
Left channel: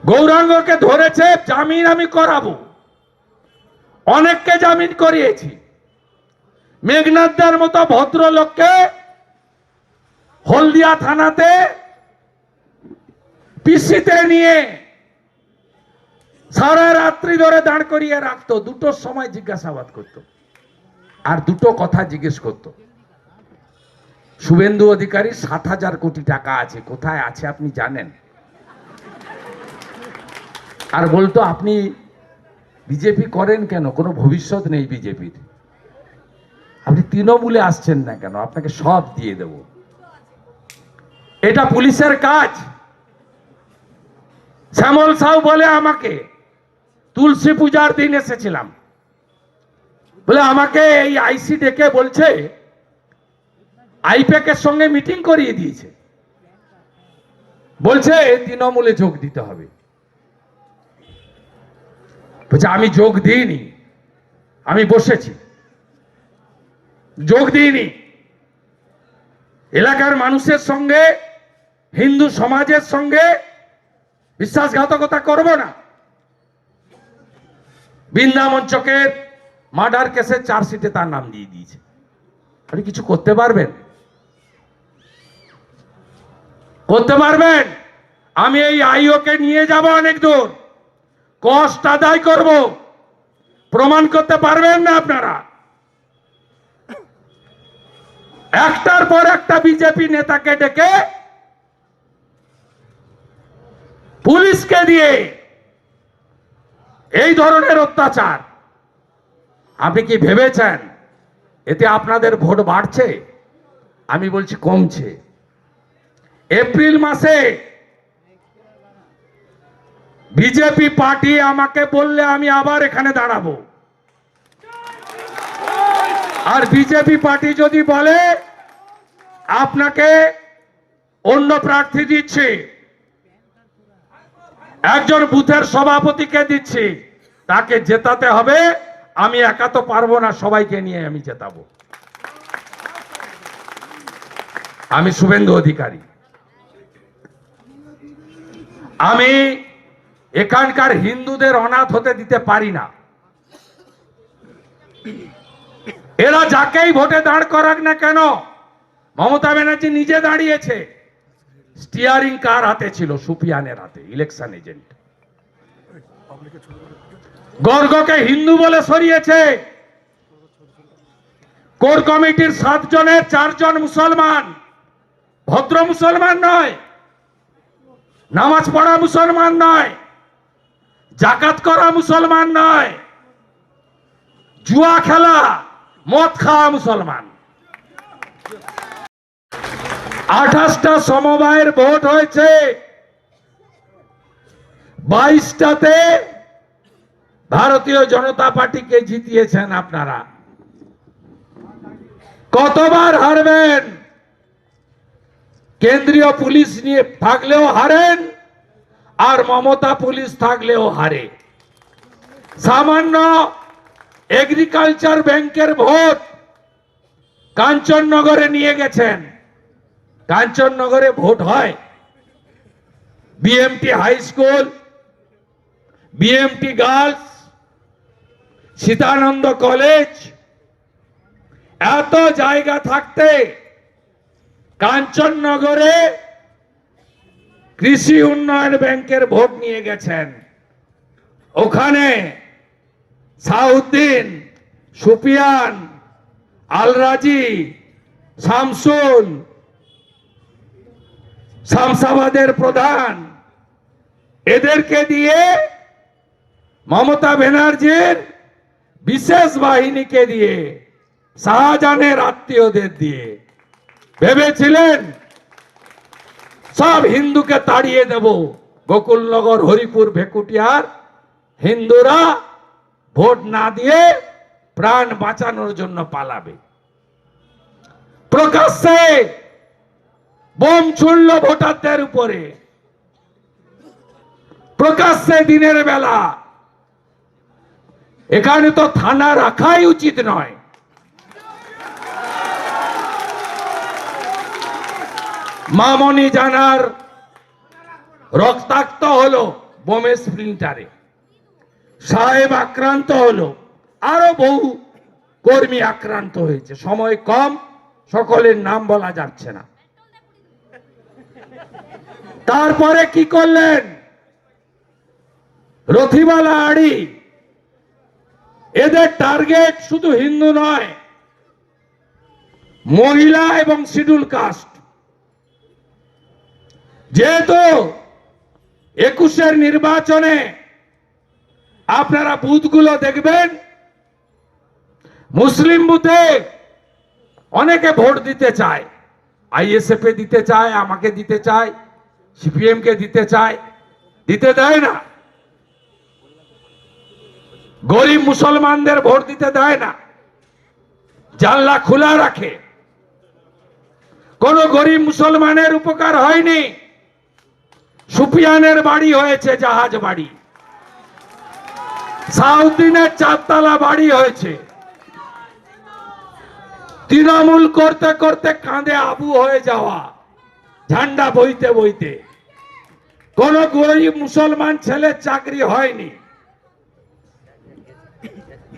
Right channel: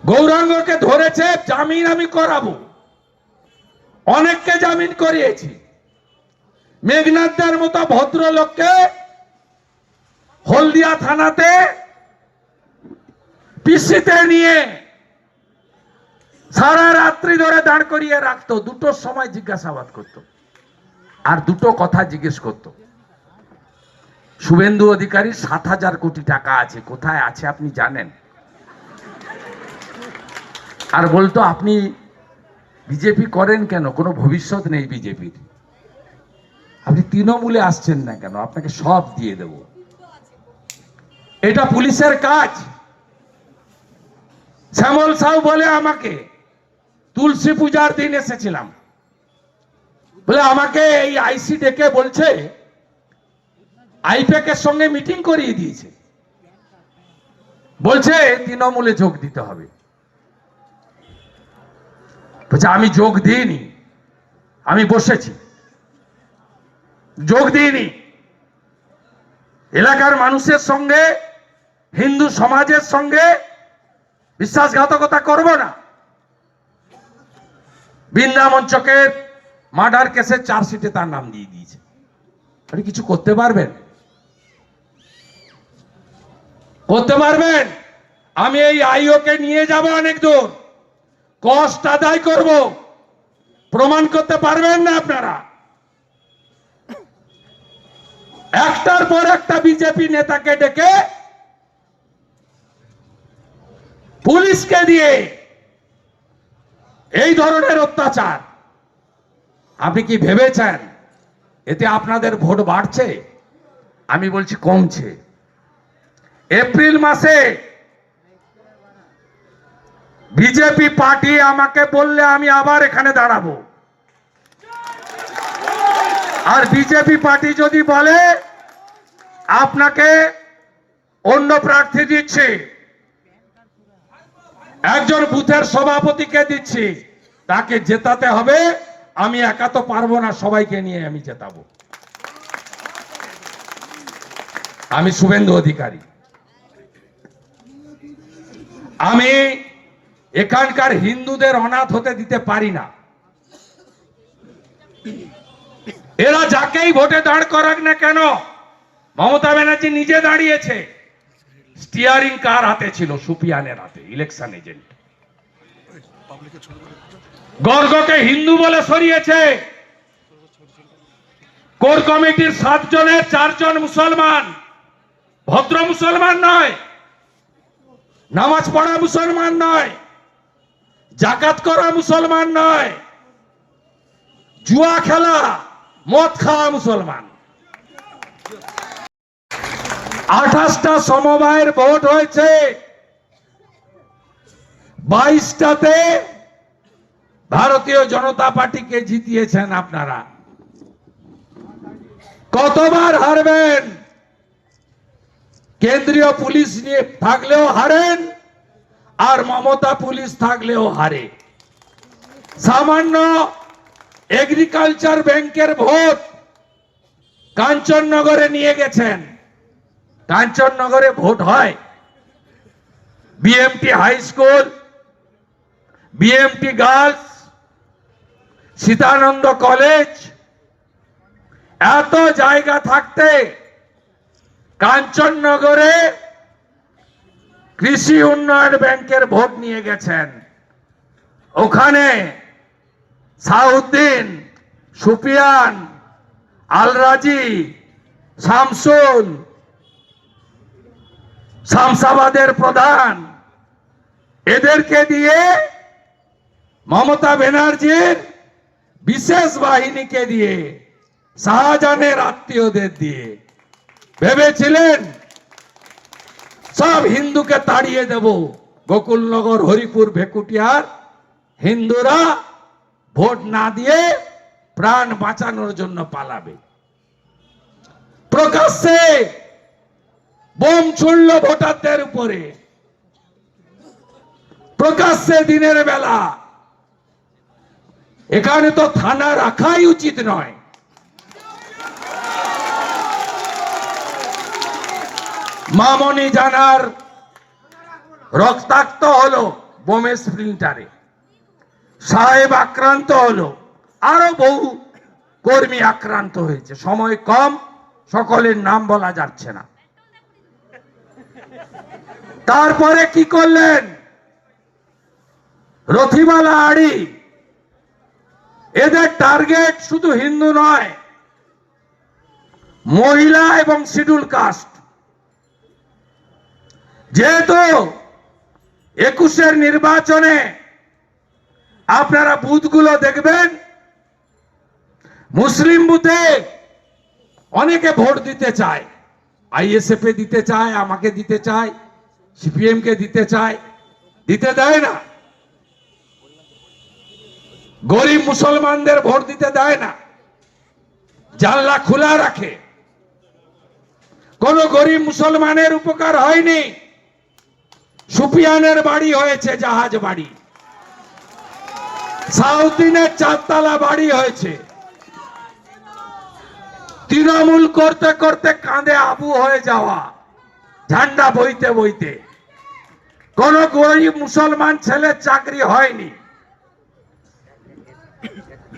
গৌরাঙ্গকে ধরেছে, জামিন আমি করাবো, অনেককে জামিন করিয়েছি। মেঘনাথদার মতো ভদ্রলোককে হলদিয়া থানাতে পিসিতে নিয়ে সারা রাত্রি ধরে দাঁড় করিয়ে রাখতো, 2টোর সময় জিজ্ঞাসাবাদ করতো, আর 2টো কথা জিজ্ঞেস করতো। শুভেন্দু অধিকারী 7,000 কোটি টাকা আছে, কোথায় আছে আপনি জানেন? আর বলতো আপনি বিজেপি করেন কেন, কোনো ভবিষ্যৎ নেই বিজেপির, আপনি তৃণমূলে আসছেন না কেন, আপনাকে সব দিয়ে দেব। এটা পুলিশের কাজ। শ্যামল সাউ বলে আমাকে, তুলসী পূজার দিন এসেছিলাম, বলে আমাকে এই আইসি ডেকে বলছে আইপ্যাকের সঙ্গে মিটিং করিয়ে দিয়েছে, বলছে তৃণমূলে যোগ দিতে হবে। বলছে আমি যোগ দিইনি, আমি বসেছি, যোগ দিইনি। এলাকার মানুষের সঙ্গে, হিন্দু সমাজের সঙ্গে বিশ্বাসঘাতকতা করব না। বৃন্দামঞ্চকের মার্ডার কেসের চার্জশিটে তার নাম দিয়ে দিয়েছে। আপনি কিছু করতে পারবেন? করতে পারবেন? আমি এই আইওকে নিয়ে যাব অনেক দূর, কষ্ট আদায় করব, প্রমাণ করতে পারবেন না আপনারা? একটার পর একটা বিজেপি নেতাকে ডেকে পুলিশকে দিয়ে এই ধরনের অত্যাচার, আপনি কি ভেবেছেন এতে আপনাদের ভোট বাড়ছে? আমি বলছি কমছে। এপ্রিল মাসে বিজেপি পার্টি আমাকে বললে আমি আবার এখানে দাঁড়াবো, আর বিজেপি পার্টি যদি বলে আপনাকে অন্য প্রার্থী দিচ্ছি, একজন বুথের সভাপতিকে দিচ্ছি, তাকে জেতাতে হবে, আমি একা তো পারবো না, সবাইকে নিয়ে আমি জেতাবো। আমি শুভেন্দু অধিকারী, আমি এখানকার হিন্দুদের অনাথ হতে দিতে পারি না। এরা যাকেই ভোটে দাঁড় করাক না কেন, মমতা ব্যানার্জি নিজে দাঁড়িয়েছে, স্টিয়ারিং কার হাতে ছিল? সুপিয়ানের হাতে, ইলেকশন এজেন্ট। গর্গকে হিন্দু বলে সরিয়েছে, কোর কমিটির 7 জনের 4 জন মুসলমান, ভদ্র মুসলমান নয়, নামাজ পড়া মুসলমান নয়, জাকাত করা মুসলমান নয়, জুয়া খেলা মদ খাওয়া মুসলমান। 28টা সমবায়ের ভোট হয়েছে, 22টাতে ভারতীয় জনতা পার্টিকে জিতিয়েছেন আপনারা। কতবার হারবেন? কেন্দ্রীয় পুলিশ নিয়ে থাকলেও হারেন, আর মমতা পুলিশ থাকলেও হারে। সামান্য এগ্রিকালচার ব্যাংকের ভোট কাঞ্চননগরে নিয়ে গেছেন। কাঞ্চননগরে ভোট হয়? BMT high school, BMT girls, Sitananda college, এত জায়গা থাকতে কাঞ্চননগরে কৃষি উন্নয়ন ব্যাংকের ভোট নিয়ে গেছেন। ওখানে সাউদ্দিন, সুফিয়ান, আলরাজি, শামসুল, শামসাবাদের প্রধান, এদেরকে দিয়ে মমতা ব্যানার্জির বিশেষ বাহিনীকে দিয়ে, শাহজাহানের আত্মীয়দের দিয়ে ভেবেছিলেন সব হিন্দুকে তাড়িয়ে দেব। গোকুলনগর, হরিপুর, ভেকুটিয়ার হিন্দুরা ভোট না দিয়ে প্রাণ বাঁচানোর জন্য পালাবে। প্রকাশ্যে বোম ছুড়ল ভোটারদের উপরে, প্রকাশ্যে দিনের বেলা। এখানে তো থানা রাখাই উচিত নয়। মামনি জানার রক্তাক্ত হলো বোমের স্প্লিন্টারে, সাহেব আক্রান্ত হলো, আরো বহু কর্মী আক্রান্ত হয়েছে। সময় কম, সকলের নাম বলা যাচ্ছে না। তারপরে কি করলেন? রথিবালা আড়ি, এদের টার্গেট শুধু হিন্দু নয়, মহিলা এবং শিডিউল কাস্ট। যেহেতু 21-এর নির্বাচনে আপনারা বুথগুলো দেখবেন, মুসলিম বুথে অনেকে ভোট দিতে চায়, আইএসএফ এ দিতে চায়, আমাকে দিতে চায়, সিপিএম কে দিতে চায়, দিতে দেয় না। গরিব মুসলমানদের ভোট দিতে দেয় না, জানলা খোলা রাখে। কোন গরিব মুসলমানের উপকার হয়নি। সুফিয়ানের বাড়ি হয়েছে জাহাজ বাড়ি, সাউদ্দিনের 4তলা বাড়ি হয়েছে। তৃণমূল করতে করতে কাঁধে আবু হয়ে যাওয়া, ঝান্ডা বইতে বইতে। কোন গরিব মুসলমান ছেলের চাকরি হয়নি।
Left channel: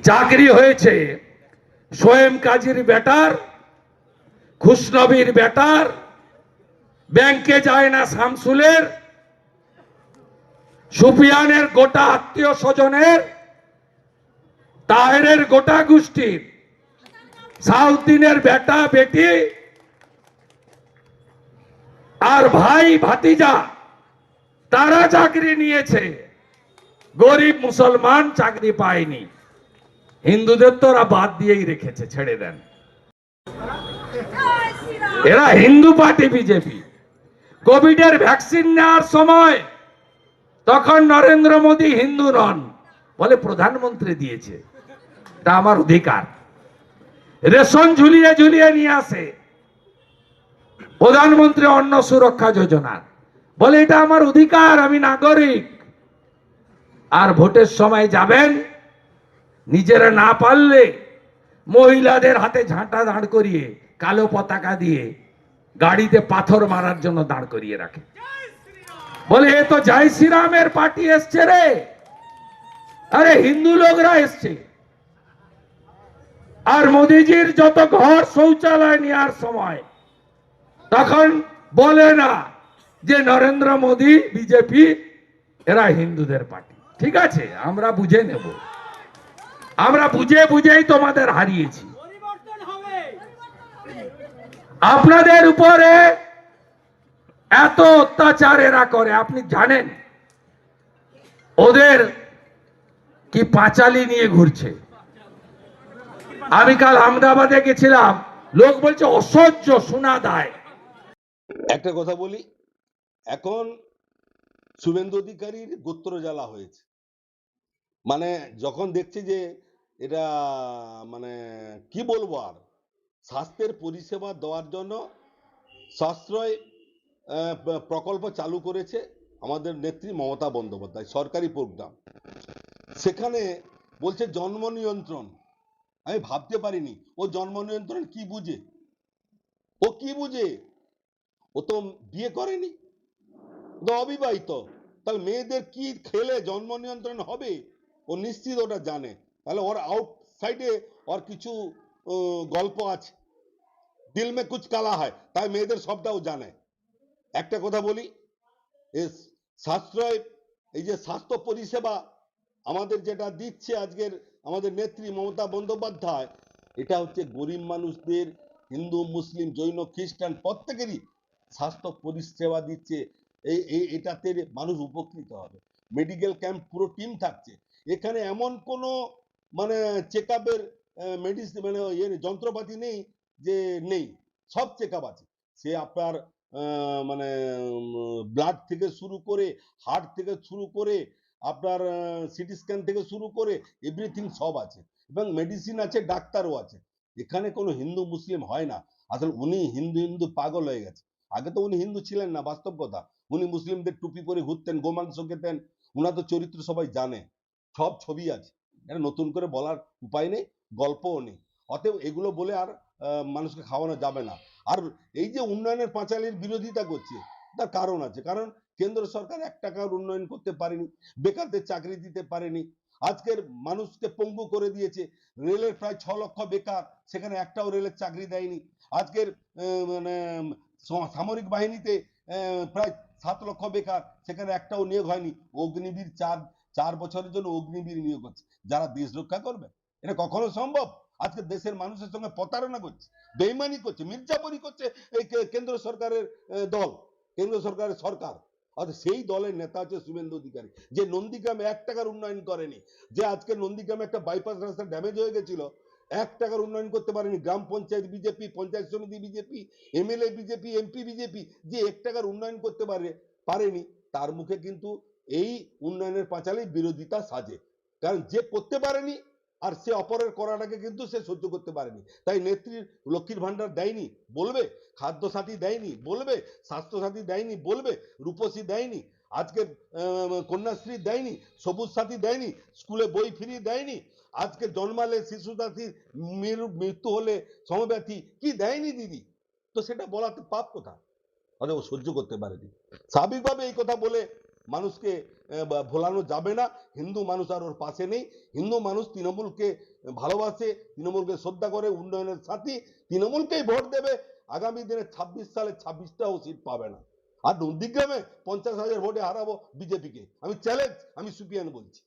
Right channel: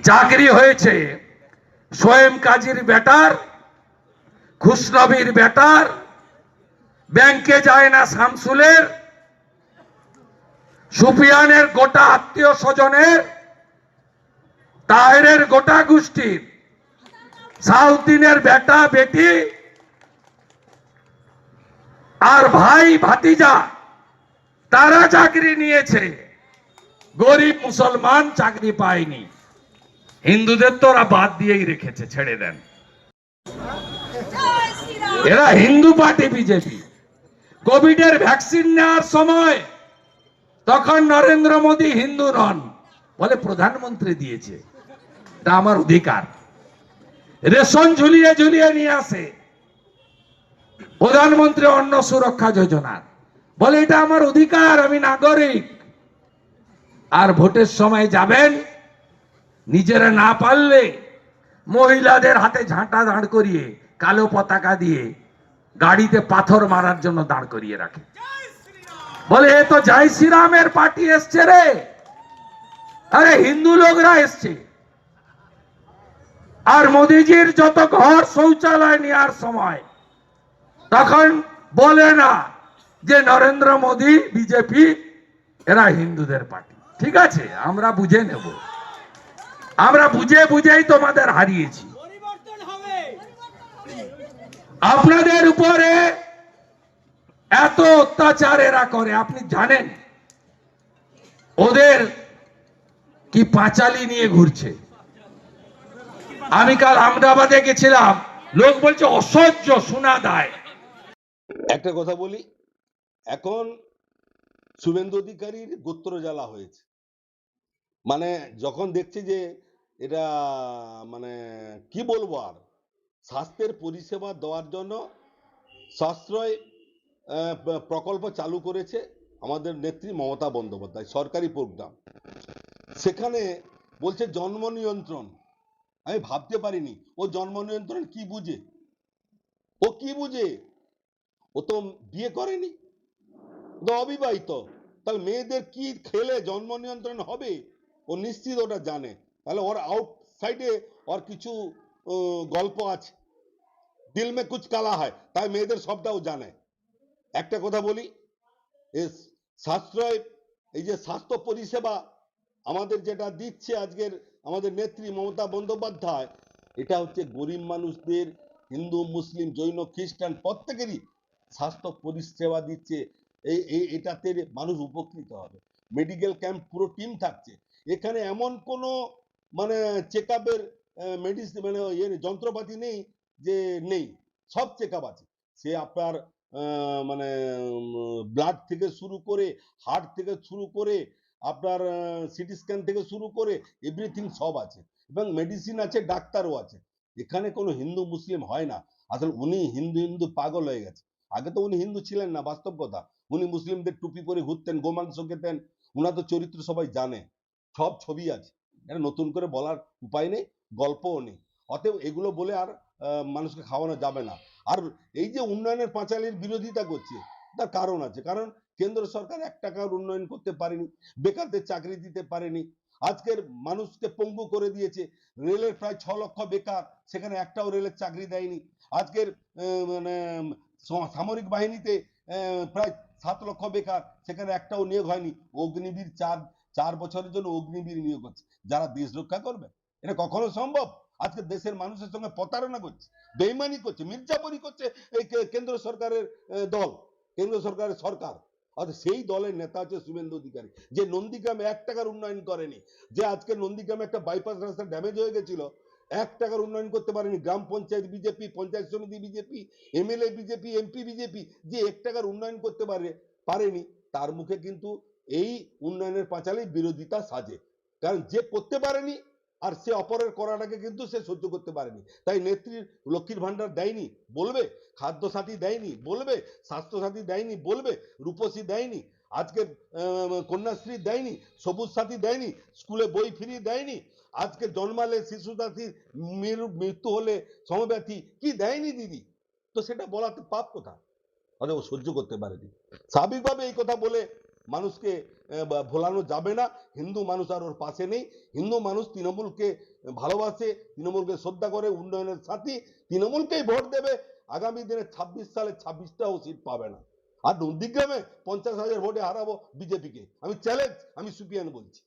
চাকরি হয়েছে সোয়েম কাজীর বেটার, খুশনবীর বেটার, ব্যাংকে যায় না শামসুলের, সুফিয়ানের গোটা আত্মীয় স্বজনের, তাহেরের গোটা গোষ্ঠীর, সাউদ্দিনের বেটা বেটি আর ভাই ভাতিজা, তারা চাকরি নিয়েছে। গরিব মুসলমান চাকরি পায়নি। হিন্দুদের তো ওরা বাদ দিয়েই রেখেছে, ছেড়ে দেন। এরা হিন্দু পার্টি বিজেপি। কোভিডের ভ্যাকসিন নেওয়ার সময় তখন নরেন্দ্র মোদী হিন্দু নন, বলে প্রধানমন্ত্রী দিয়েছে, তা আমার অধিকার। রেশন ঝুলিয়ে ঝুলিয়ে নিয়ে আসে প্রধানমন্ত্রী অন্ন সুরক্ষা যোজনার, বলে এটা আমার অধিকার, আমি নাগরিক। আর ভোটের সময় যাবেন, নিজেরা না পারলে মহিলাদের হাতে ঝাঁটা দাঁড় করিয়ে, কালো পতাকা দিয়ে গাড়িতে পাথর মারার জন্য দাঁড় করিয়ে রাখে। বলে এ তো জয় শ্রীরামের পার্টি এসছে রে। আরে হিন্দু লোকরা এসছে। আর মোদিজির যত ঘর শৌচালয় নেওয়ার সময় তখন বলে না যে নরেন্দ্র মোদী, বিজেপি এরা হিন্দুদের পার্টি। ঠিক আছে, আমরা বুঝে নেব। আমরা বুঝে বুঝেই তোমাদের হারিয়েছি। আপনাদের উপরে এত অত্যাচার এরা করে, আপনি জানেন ওদের কি পাঁচালি নিয়ে ঘুরছে। আমি কাল আহমেদাবাদে গেছিলাম, লোক বলছে অসহ্য, শোনা দেয়। একটা কথা বলি, এখন শুভেন্দু অধিকারীর গোত্র জ্বালা হয়েছে। মানে যখন দেখছে যে এটা মানে কি বলবো আর, স্বাস্থ্যের পরিষেবা দেওয়ার জন্য সাশ্রয় প্রকল্প চালু করেছে আমাদের নেত্রী মমতা বন্দ্যোপাধ্যায়, সরকারি প্রোগ্রাম। সেখানে বলছে জন্ম নিয়ন্ত্রণ। আমি ভাবতে পারিনি ও জন্ম নিয়ন্ত্রণ কি বুঝে, ও কি বুঝে, ও তো বিয়ে করেনি, ও তো অবিবাহিত। তাহলে মেয়েদের কি খেলে জন্ম নিয়ন্ত্রণ হবে ও নিশ্চিত ওটা জানে। তাহলে ওর আউটসাইডে ওর কিছু গল্প আছে, দিল মে কুছ কালা হয়, তাই মেয়েদের সবটাও জানে। একটা কথা বলি, সাশ্রয় এই যে স্বাস্থ্য পরিষেবা আমাদের যেটা দিচ্ছে আজকের আমাদের নেত্রী মমতা বন্দ্যোপাধ্যায়, এটা হচ্ছে গরিব মানুষদের, হিন্দু মুসলিম জৈন খ্রিস্টান প্রত্যেকেরই স্বাস্থ্য পরিষেবা দিচ্ছে। এটাতে মানুষ উপকৃত হবে। মেডিকেল ক্যাম্প পুরো টিম থাকছে এখানে, এমন কোনো মানে চেক আপের মেডিসিন মানে যন্ত্রপাতি নেই যে নেই, সব চেক আপ আছে। সে আপনার মানে ব্লাড থেকে শুরু করে, হার্ট থেকে শুরু করে, আপনার সিটি স্ক্যান থেকে শুরু করে এভরিথিং সব আছে, এবং মেডিসিন আছে, ডাক্তারও আছে। এখানে কোনো হিন্দু মুসলিম হয় না। আসলে উনি হিন্দু হিন্দু পাগল হয়ে গেছে। আগে তো উনি হিন্দু ছিলেন না, বাস্তব কথা। উনি মুসলিমদের টুপি পরে ঘুরতেন, গোমাংস খেতেন, উনার তো চরিত্র সবাই জানে, সব ছবি আছে। এটা নতুন করে বলার উপায় নেই, গল্পও নেই। অতএব এগুলো বলে আর মানুষকে খাওয়ানো যাবে না। আর এই যে উন্নয়নের পাঁচালীর বিরোধিতা করছে, তার কারণ আছে। কারণ কেন্দ্র সরকার 1 টাকার উন্নয়ন করতে পারেনি, বেকারদের চাকরি দিতে পারেনি, আজকের মানুষকে পঙ্গু করে দিয়েছে। রেলের প্রায় 6 লক্ষ বেকার, সেখানে একটাও রেলের চাকরি দেয়নি। আজকের মানে সামরিক বাহিনীতে প্রায় 7 লক্ষ বেকার, সেখানে একটাও নিয়োগ হয়নি। অগ্নিবীর 4 বছরের জন্য অগ্নিবীর নিয়োগ হচ্ছে, যারা দেশ রক্ষা করবে। এটা কখনো সম্ভব? আজকে দেশের মানুষের সঙ্গে প্রতারণা করছে, বেইমানি করছে, মির্জাপুরি করছে এই কেন্দ্র সরকারের দল, কেন্দ্র সরকারের সরকার। আর সেই দলের নেতা হচ্ছে শুভেন্দু অধিকারী, যে নন্দীগ্রামে 1 টাকার উন্নয়ন করেনি, যে আজকে নন্দীগ্রামে একটা বাইপাস রাস্তা ড্যামেজ হয়ে গেছিল, 1 টাকার উন্নয়ন করতে পারেনি। গ্রাম পঞ্চায়েত বিজেপি, পঞ্চায়েত সমিতি BJP, MLA BJP, MP BJP, যে 1 টাকার উন্নয়ন করতে পারেনি, তার মুখে কিন্তু এই উন্নয়নের পাঁচালী বিরোধিতা সাজে। কারণ যে করতে পারেনি আর সে অপরের করাটাকে কিন্তু সে সহ্য করতে পারেনি। তাই নেত্রীর লক্ষ্মীর ভান্ডার দেয়নি বলবে, খাদ্য সাথী দেয়নি বলবে, স্বাস্থ্য সাথী দেয়নি বলবে, রূপসী দেয়নি, আজকে কন্যাশ্রী দেয়নি, সবুজ সাথী দেয়নি, স্কুলে বই ফ্রি দেয়নি, আজকে জন্মালে শিশু সাথীর মৃত্যু হলে সমব্যথী কি দেয়নি দিদি, তো সেটা বলাতে পাপ কোথায়? ও সহ্য করতে পারেনি। স্বাভাবিকভাবে এই কথা বলে মানুষকে ভোলানো যাবে না। হিন্দু মানুষ আর ওর পাশে নেই। হিন্দু মানুষ তৃণমূলকে ভালোবাসে, তৃণমূলকে শ্রদ্ধা করে, উন্নয়নের সাথী, তৃণমূলকেই ভোট দেবে। আগামী দিনে 26 সালে 26টাও সিট পাবে না। আর নন্দীগ্রামে 50,000 ভোটে হারাবো বিজেপিকে, আমি চ্যালেঞ্জ, আমি সুপিয়ান বলছি।